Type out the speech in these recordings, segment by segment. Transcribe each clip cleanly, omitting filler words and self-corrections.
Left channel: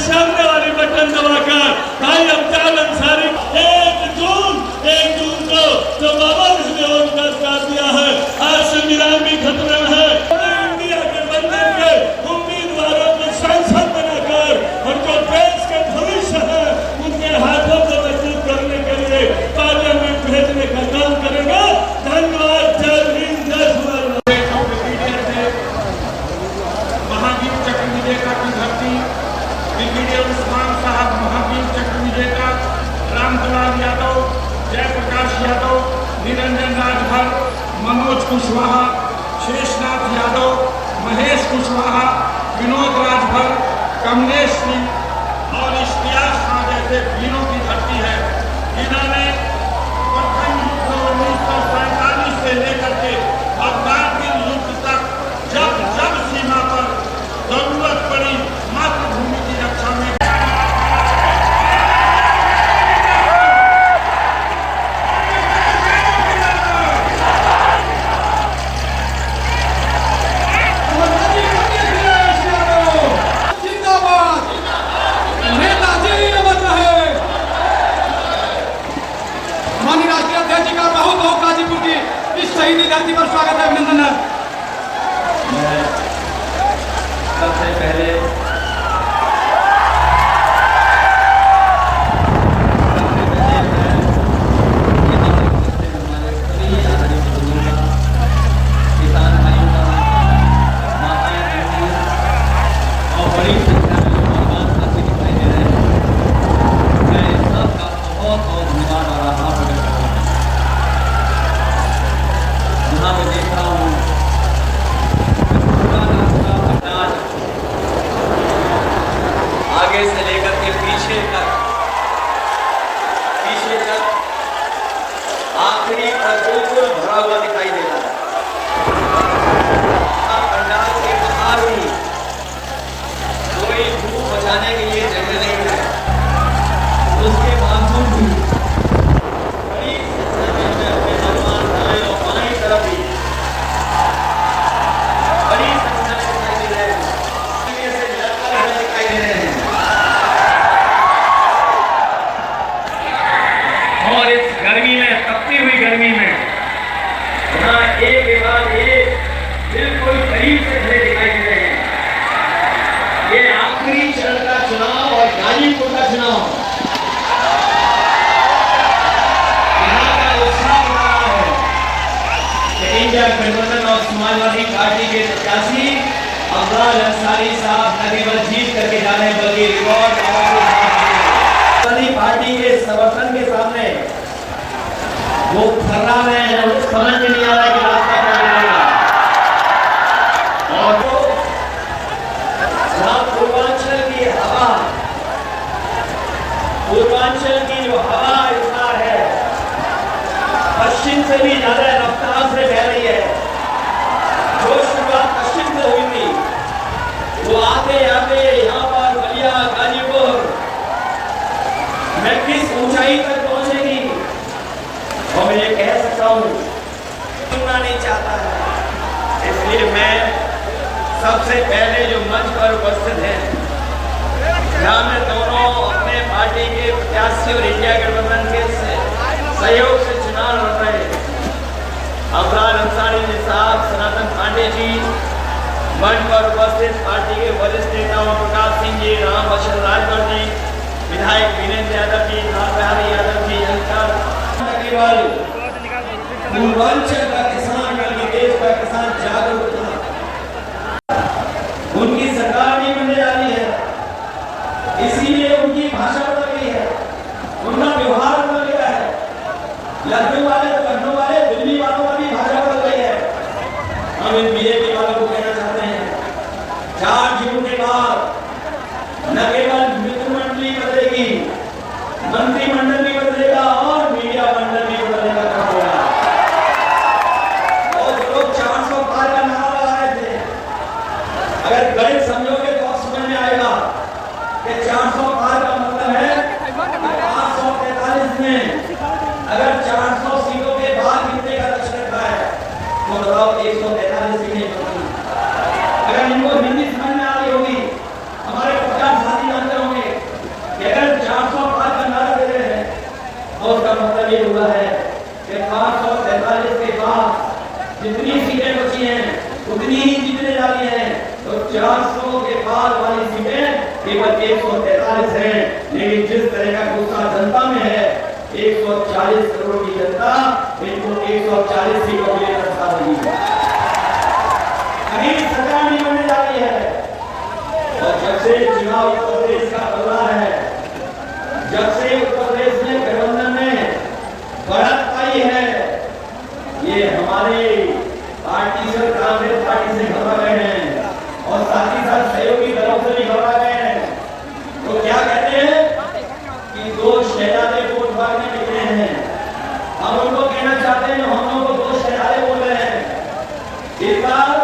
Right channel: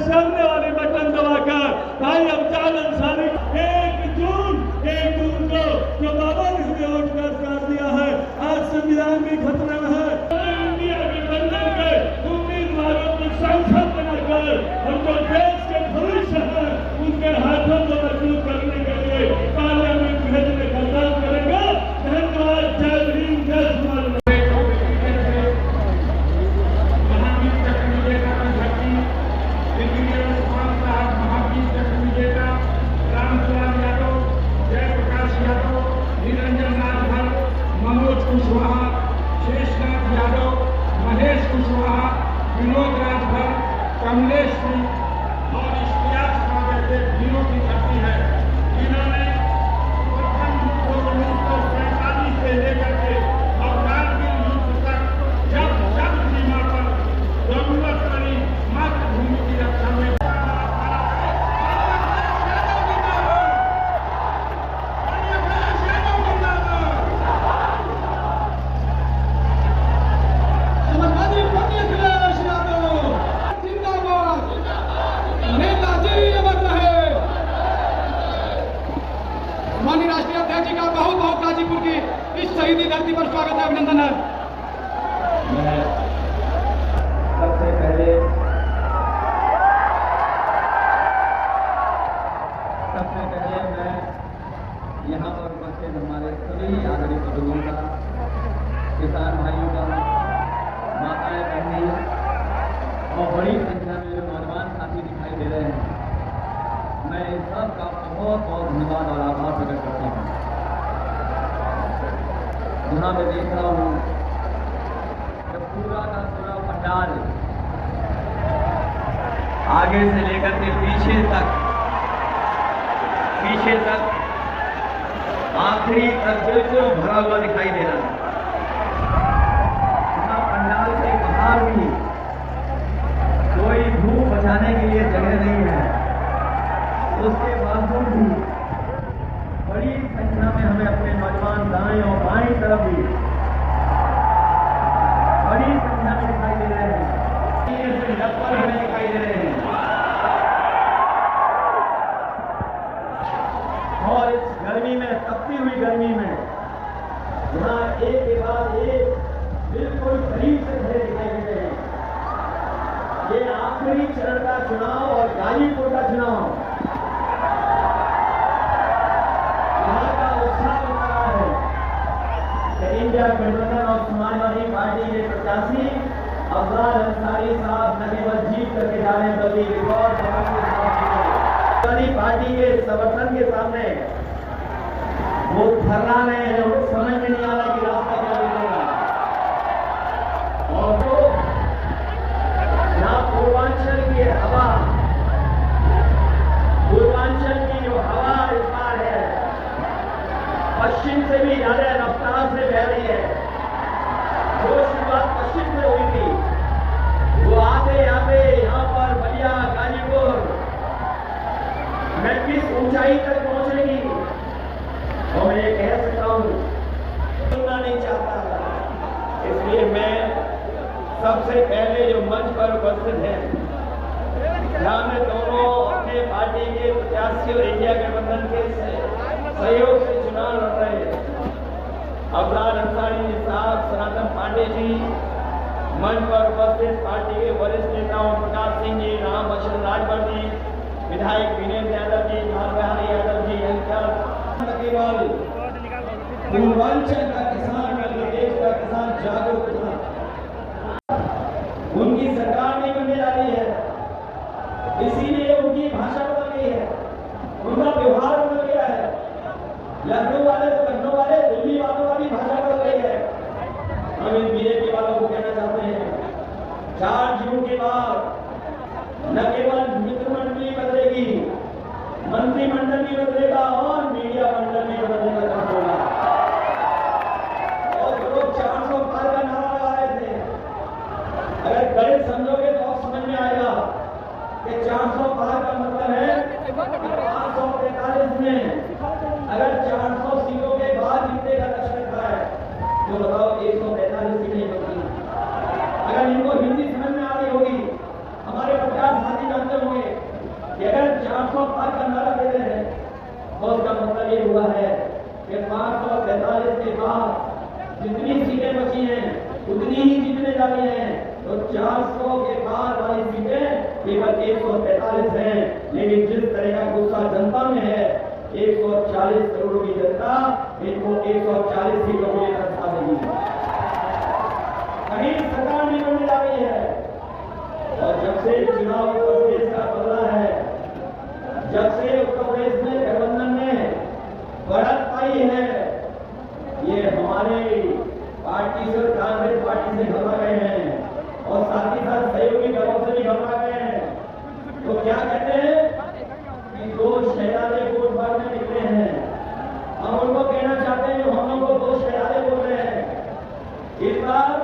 सामने वाली बटन दबाकर भाई अब्दाल अंसारी 1 जून को जो बाबा ने वोट कर दिया है, आज संविधान भी खतरे में है। इंडिया के बनने के उम्मीदवारों को सांसद बनाकर और जो देश के भविष्य है उनके हाथों को मजबूत करने के लिए पार्लियामेंट भेजने का काम करेगा। धन्यवाद। जय हिंद, जय महावीर चक्र विजेता की धरती ब्रिगेडियर उस्मान साहब महावीर चक्र विजेता रामदुलाल यादव, जयप्रकाश यादव, निरंजन राजभर, मनोज कुशवाहा, शेषनाथ यादव, महेश कुशवाहा, विनोद राजभर, कमलेश सिंह और इश्तियाक खां जैसे वीरों की धरती है, जिन्होंने प्रथम युद्ध 1947 से लेकर के और कारगिल युद्ध तक जब जब सीमा पर जरूरत पड़ी मातृभूमि की रक्षा में शहीदी धरती पर स्वागत है, अभिनंदन है। मैं सबसे पहले किसान भाइयों का, माताएं बहनों और बड़ी संख्या में लोग भगवान साथी दिखाई दे रहे हैं, मैं सबका बहुत बहुत धन्यवाद और आभार प्रकट करता हूँ। यहाँ मैं देख रहा हूँ आगे से लेकर के पीछे तक आखिरी तक बिल्कुल भरा हुआ दिखाई दे रहा है। यहाँ पंडाल के बाहर भी कोई धूप बचाने के लिए जगह नहीं है, उसके बावजूद भी बड़ी संख्या में हमें अपने नौजवान भाई और बाईं तरफ भी बड़ी संख्या में दिखाई दे रहे हैं, से लगकर हमें दिखाई दे रहे हैं। और इस गर्मी में, तपती हुई गर्मी में यहाँ एक के बाद एक बिल्कुल करीब से खड़े दिखाई दे रहे हैं। ये आखिरी चरण का चुनाव और गाजीपुर का चुनाव, यहाँ का उत्साह हो रहा है कि इंडिया गठबंधन और समाजवादी पार्टी के प्रत्याशी अब्दाल अंसारी साहब न केवल जीत करके जा रहे हैं बल्कि रिकॉर्ड पार्टी के समर्थन के सामने वो थर्रा में है, वो समझ में नहीं आ रहा है कि रास्ता क्या मिलेगा। और जो पूर्वांचल की हवा, पूर्वांचल की जो हवा इतना है, पश्चिम से भी ज्यादा रफ्तार से बह रही है। जो शुरुआत पश्चिम से हुई थी वो आते आते यहाँ पर बलिया गाजीपुर में किस ऊंचाई तक पहुंचेगी और मैं ये कह सकता हूँ सुनना नहीं चाहता है। इसलिए मैं सबसे पहले जो मंच पर उपस्थित है, यहाँ में दोनों अपने पार्टी के प्रत्याशी और इंडिया गठबंधन के सहयोग से चुनाव लड़ रहे हैं, अब्दाल अंसारी साहब, सनातन पांडे जी, मंच पर उपस्थित पार्टी के वरिष्ठ नेता ओम प्रकाश सिंह जी, राम बशर राजभर जी, विधायक वीरेंद्र यादव जी, नाथ यादव जी, केवल पूर्वांचल का किसान बल्कि देश का किसान जागरूक था। उनकी सरकार नहीं बनने जा रही है, इसीलिए उनकी भाषा बदल गई है, उनका व्यवहार बदल गया है। लखनऊ वाले तो लखनऊ वाले, दिल्ली वालों का भी भाषा बदल गई है। हम इन बीजेपी वालों को कहना चाहते हैं, 4 जून के बाद न केवल मित्रमंडली बदलेगी, मंत्रिमंडल भी बदलेगा और मीडिया मंडल भी बदलेगा। और लोग 400 पार का नारा लगा रहे थे, अगर गणित समझोगे तो समझ में आएगा कि 400 पार का मतलब है 543 में अगर 400 सीटों के बाद कितने का लक्ष्य रखा है तो बताओ 143 सीटें बनती। अगर इनको हिंदी समझ में आ रही होगी, हमारे पचास साथी जानते होंगे हैं तो 400 के पार वाली सीटें केवल 143 हैं। लेकिन जिस तरह का गुस्सा जनता में है, 140 करोड़ की जनता इनको 140 सीटों के लिए रास्ता देगी। कहीं सरकार नहीं बनने जा रही है। और जब से चुनाव उत्तर प्रदेश का बदला है, जब से उत्तर प्रदेश में गठबंधन में बढ़त आई है, ये हमारे पार्टी से कांग्रेस पार्टी से घबरा गए हैं और साथ ही साथ सहयोगी दलों से भी घबरा गए हैं। तो क्या कहते हैं कि दो शहजादे वोट मांगने निकले हैं। हम उनको कहना चाहते हैं, हम लोगों को दो शहजादे बोल रहे हैं। इस बार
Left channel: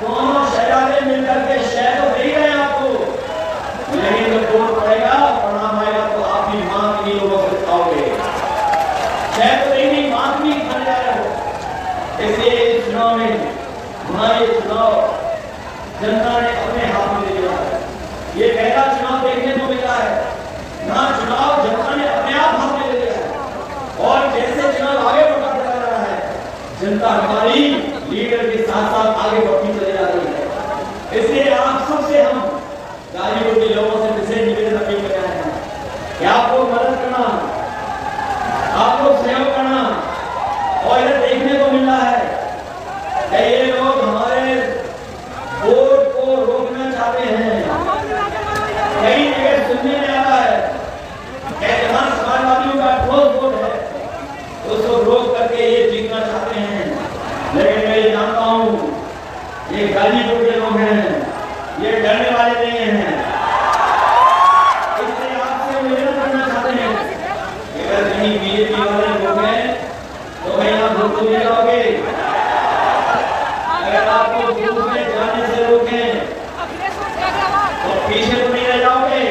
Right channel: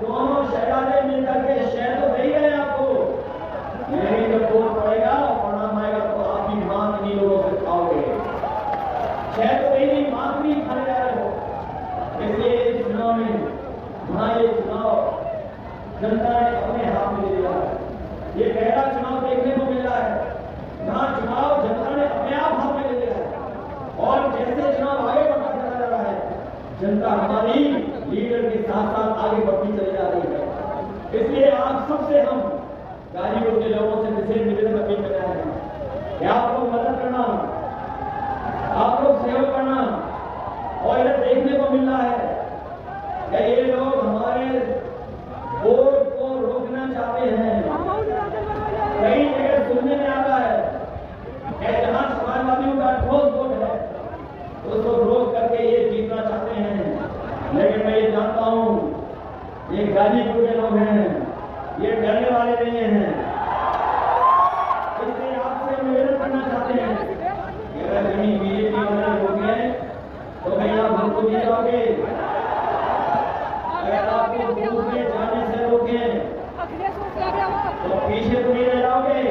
दोनों शहजादे मिलकर के शहर तो दे ही रहे हैं आपको, लेकिन जब वोट पड़ेगा, परिणाम आएगा तो आप भी मां की लोगों से खाओगे। शहर तो नहीं, मां भी बन जा रहे हो। इसलिए इस चुनाव में हमारे चुनाव जनता ने अपने हाथ में ले लिया है। ये पहला चुनाव देखने को मिला है ना, चुनाव जनता ने अपने आप हाथ में ले लिया है। और जैसे चुनाव आगे बढ़ता चला रहा है, जनता हमारी लीडर के साथ साथ आगे बढ़ती चली जा रही है। इसलिए आप सबसे हम गाजीपुर के लोगों से विशेष निवेदन अपील कर रहे हैं कि आप लोग मदद करना, आप लोग सहयोग करना। और इधर देखने को मिल रहा है कि ये लोग हमारे वोट को रोकना चाहते हैं। कई जगह सुनने में आ रहा है कि जहां समाजवादियों का ठोस वोट है, उसको रोक करके ये जीतना चाहते हैं। लेकिन मैं ये जानता हूं, ये गाजीपुर के लोग हैं, ये डरने वाले नहीं हैं। इसलिए आपसे निवेदन करना चाहते हैं कि अगर कहीं बीजेपी वाले लोग हैं तो कहीं आप लोग को ले जाओगे। अगर आपको बूथ में जाने से रोकें तो पीछे तो नहीं रह जाओगे।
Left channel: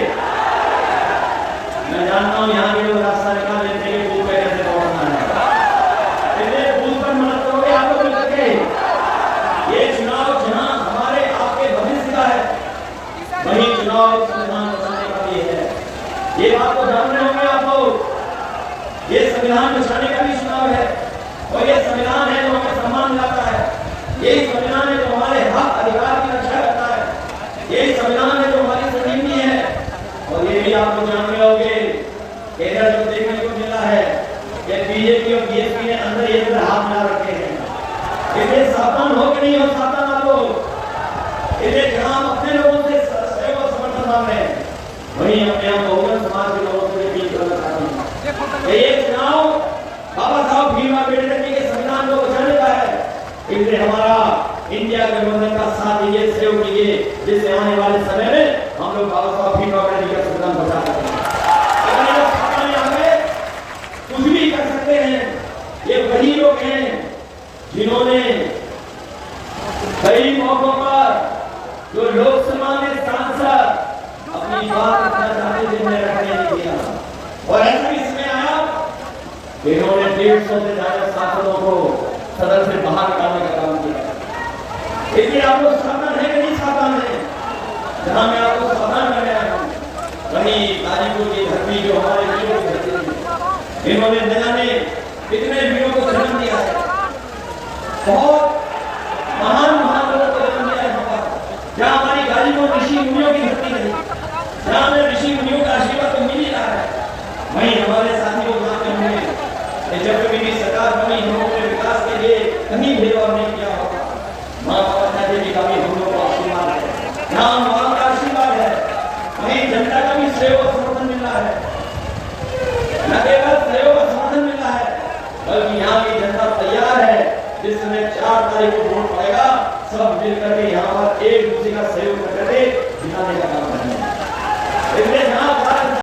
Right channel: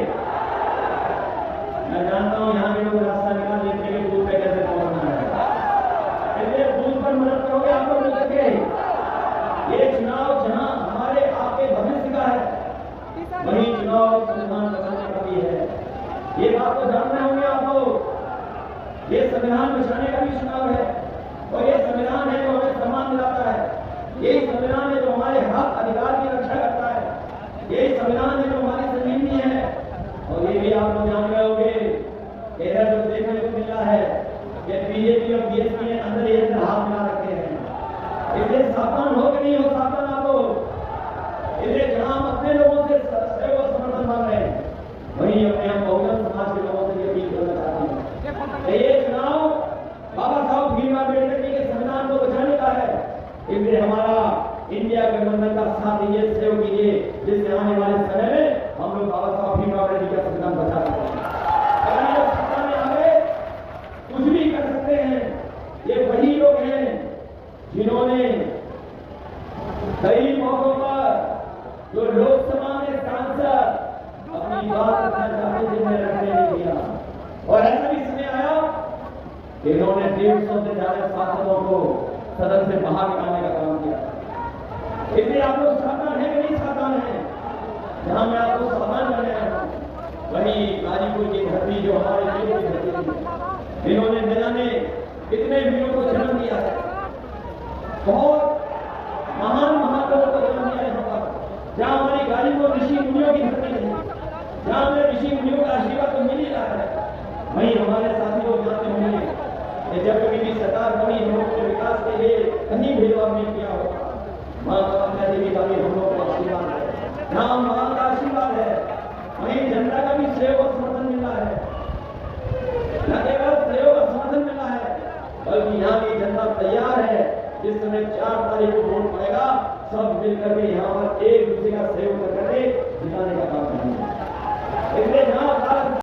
मैं जानता हूं यहाँ के लोग रास्ता निकाल लेते हैं कि बूथ पे कैसे पहुंचना है। इसलिए बूथ पर मदद करोगे आप लोग मिल करके। ये चुनाव जहां हमारे आपके भविष्य का है, वही चुनाव संविधान बचाने का भी है। ये बात तो जान रहे होंगे आप लोग। ये संविधान बचाने का भी चुनाव है और ये संविधान है जो हमें सम्मान दिलाता है। यही संविधान है जो हमारे हक अधिकार की रक्षा करता है। यही संविधान है जो हमारी संजीवनी है। और ये भी आप लोग जान रहे होंगे कि इधर जो देखने को मिला है कि बीजेपी और बीएसपी ने अंदर ये हाथ मिला रखे हैं। इसलिए सावधान हो कि नहीं हो, सावधान आप लोग। इसलिए जहां हम अपने लोगों से सहयोग और समर्थन मांग रहे हैं, वहीं अपने हम बहुजन समाज के लोगों से अपील करना चाहते हैं। ये चुनाव बाबा साहब भीमराव अम्बेडकर जी के संविधान को बचाने का है। इसलिए हमारा इंडिया गठबंधन का साथ दीजिए, सहयोग कीजिए, जिससे आने वाले समय में हम लोग बाबा साहब भीमराव अम्बेडकर जी का संविधान बचा सकें। अगर ये सत्ता में आए कुछ भी कर सकते हैं। ये वही लोग हैं जिन्होंने कई मौकों पर जो लोकसभा में सांसद अपनी बात रखना चाहते थे, उन्हें रखने नहीं दिया। और ऐसा भी समय आया कि इन्होंने 150 से ज्यादा सांसदों को सदन से बाहर निकालने का काम किया। इसलिए आप लोग सावधान है कि नहीं सावधान है? जहां मैं आपको सावधान कर रहा हूं, वहीं गाजीपुर की धरती जो हमारे वीरों की धरती है, इन्होंने जाने कितने वीरों को जन्म दिया है। बहुत महान महान लोगों को जन्म दिया है। जहां हमारी गाजीपुर ऋषि मुनियों की धरती है, जहां हमें ऋषि मुनियों का आशीर्वाद तो मिल ही रहा है, वहीं हमारे साथियों जानते होंगे कि जब कभी भी सरकार बनी, हम लोगों ने विकास के लिए कहीं भेदभाव नहीं किया होगा। मां बाबा देवी का भी हम लोगों को आशीर्वाद है, यहाँ मां का आशीर्वाद है, वहीं जनता का भी सहयोग और समर्थन मिल रहा है। न केवल सहयोग और समर्थन मिल रहा है, बल्कि यहाँ की जनता तैयार है। जिस समय 4 तारीख को वोट पड़ेगा, सब मिलकर के यहाँ पर एक दूसरे का सहयोग करके जिताने का काम करेंगे।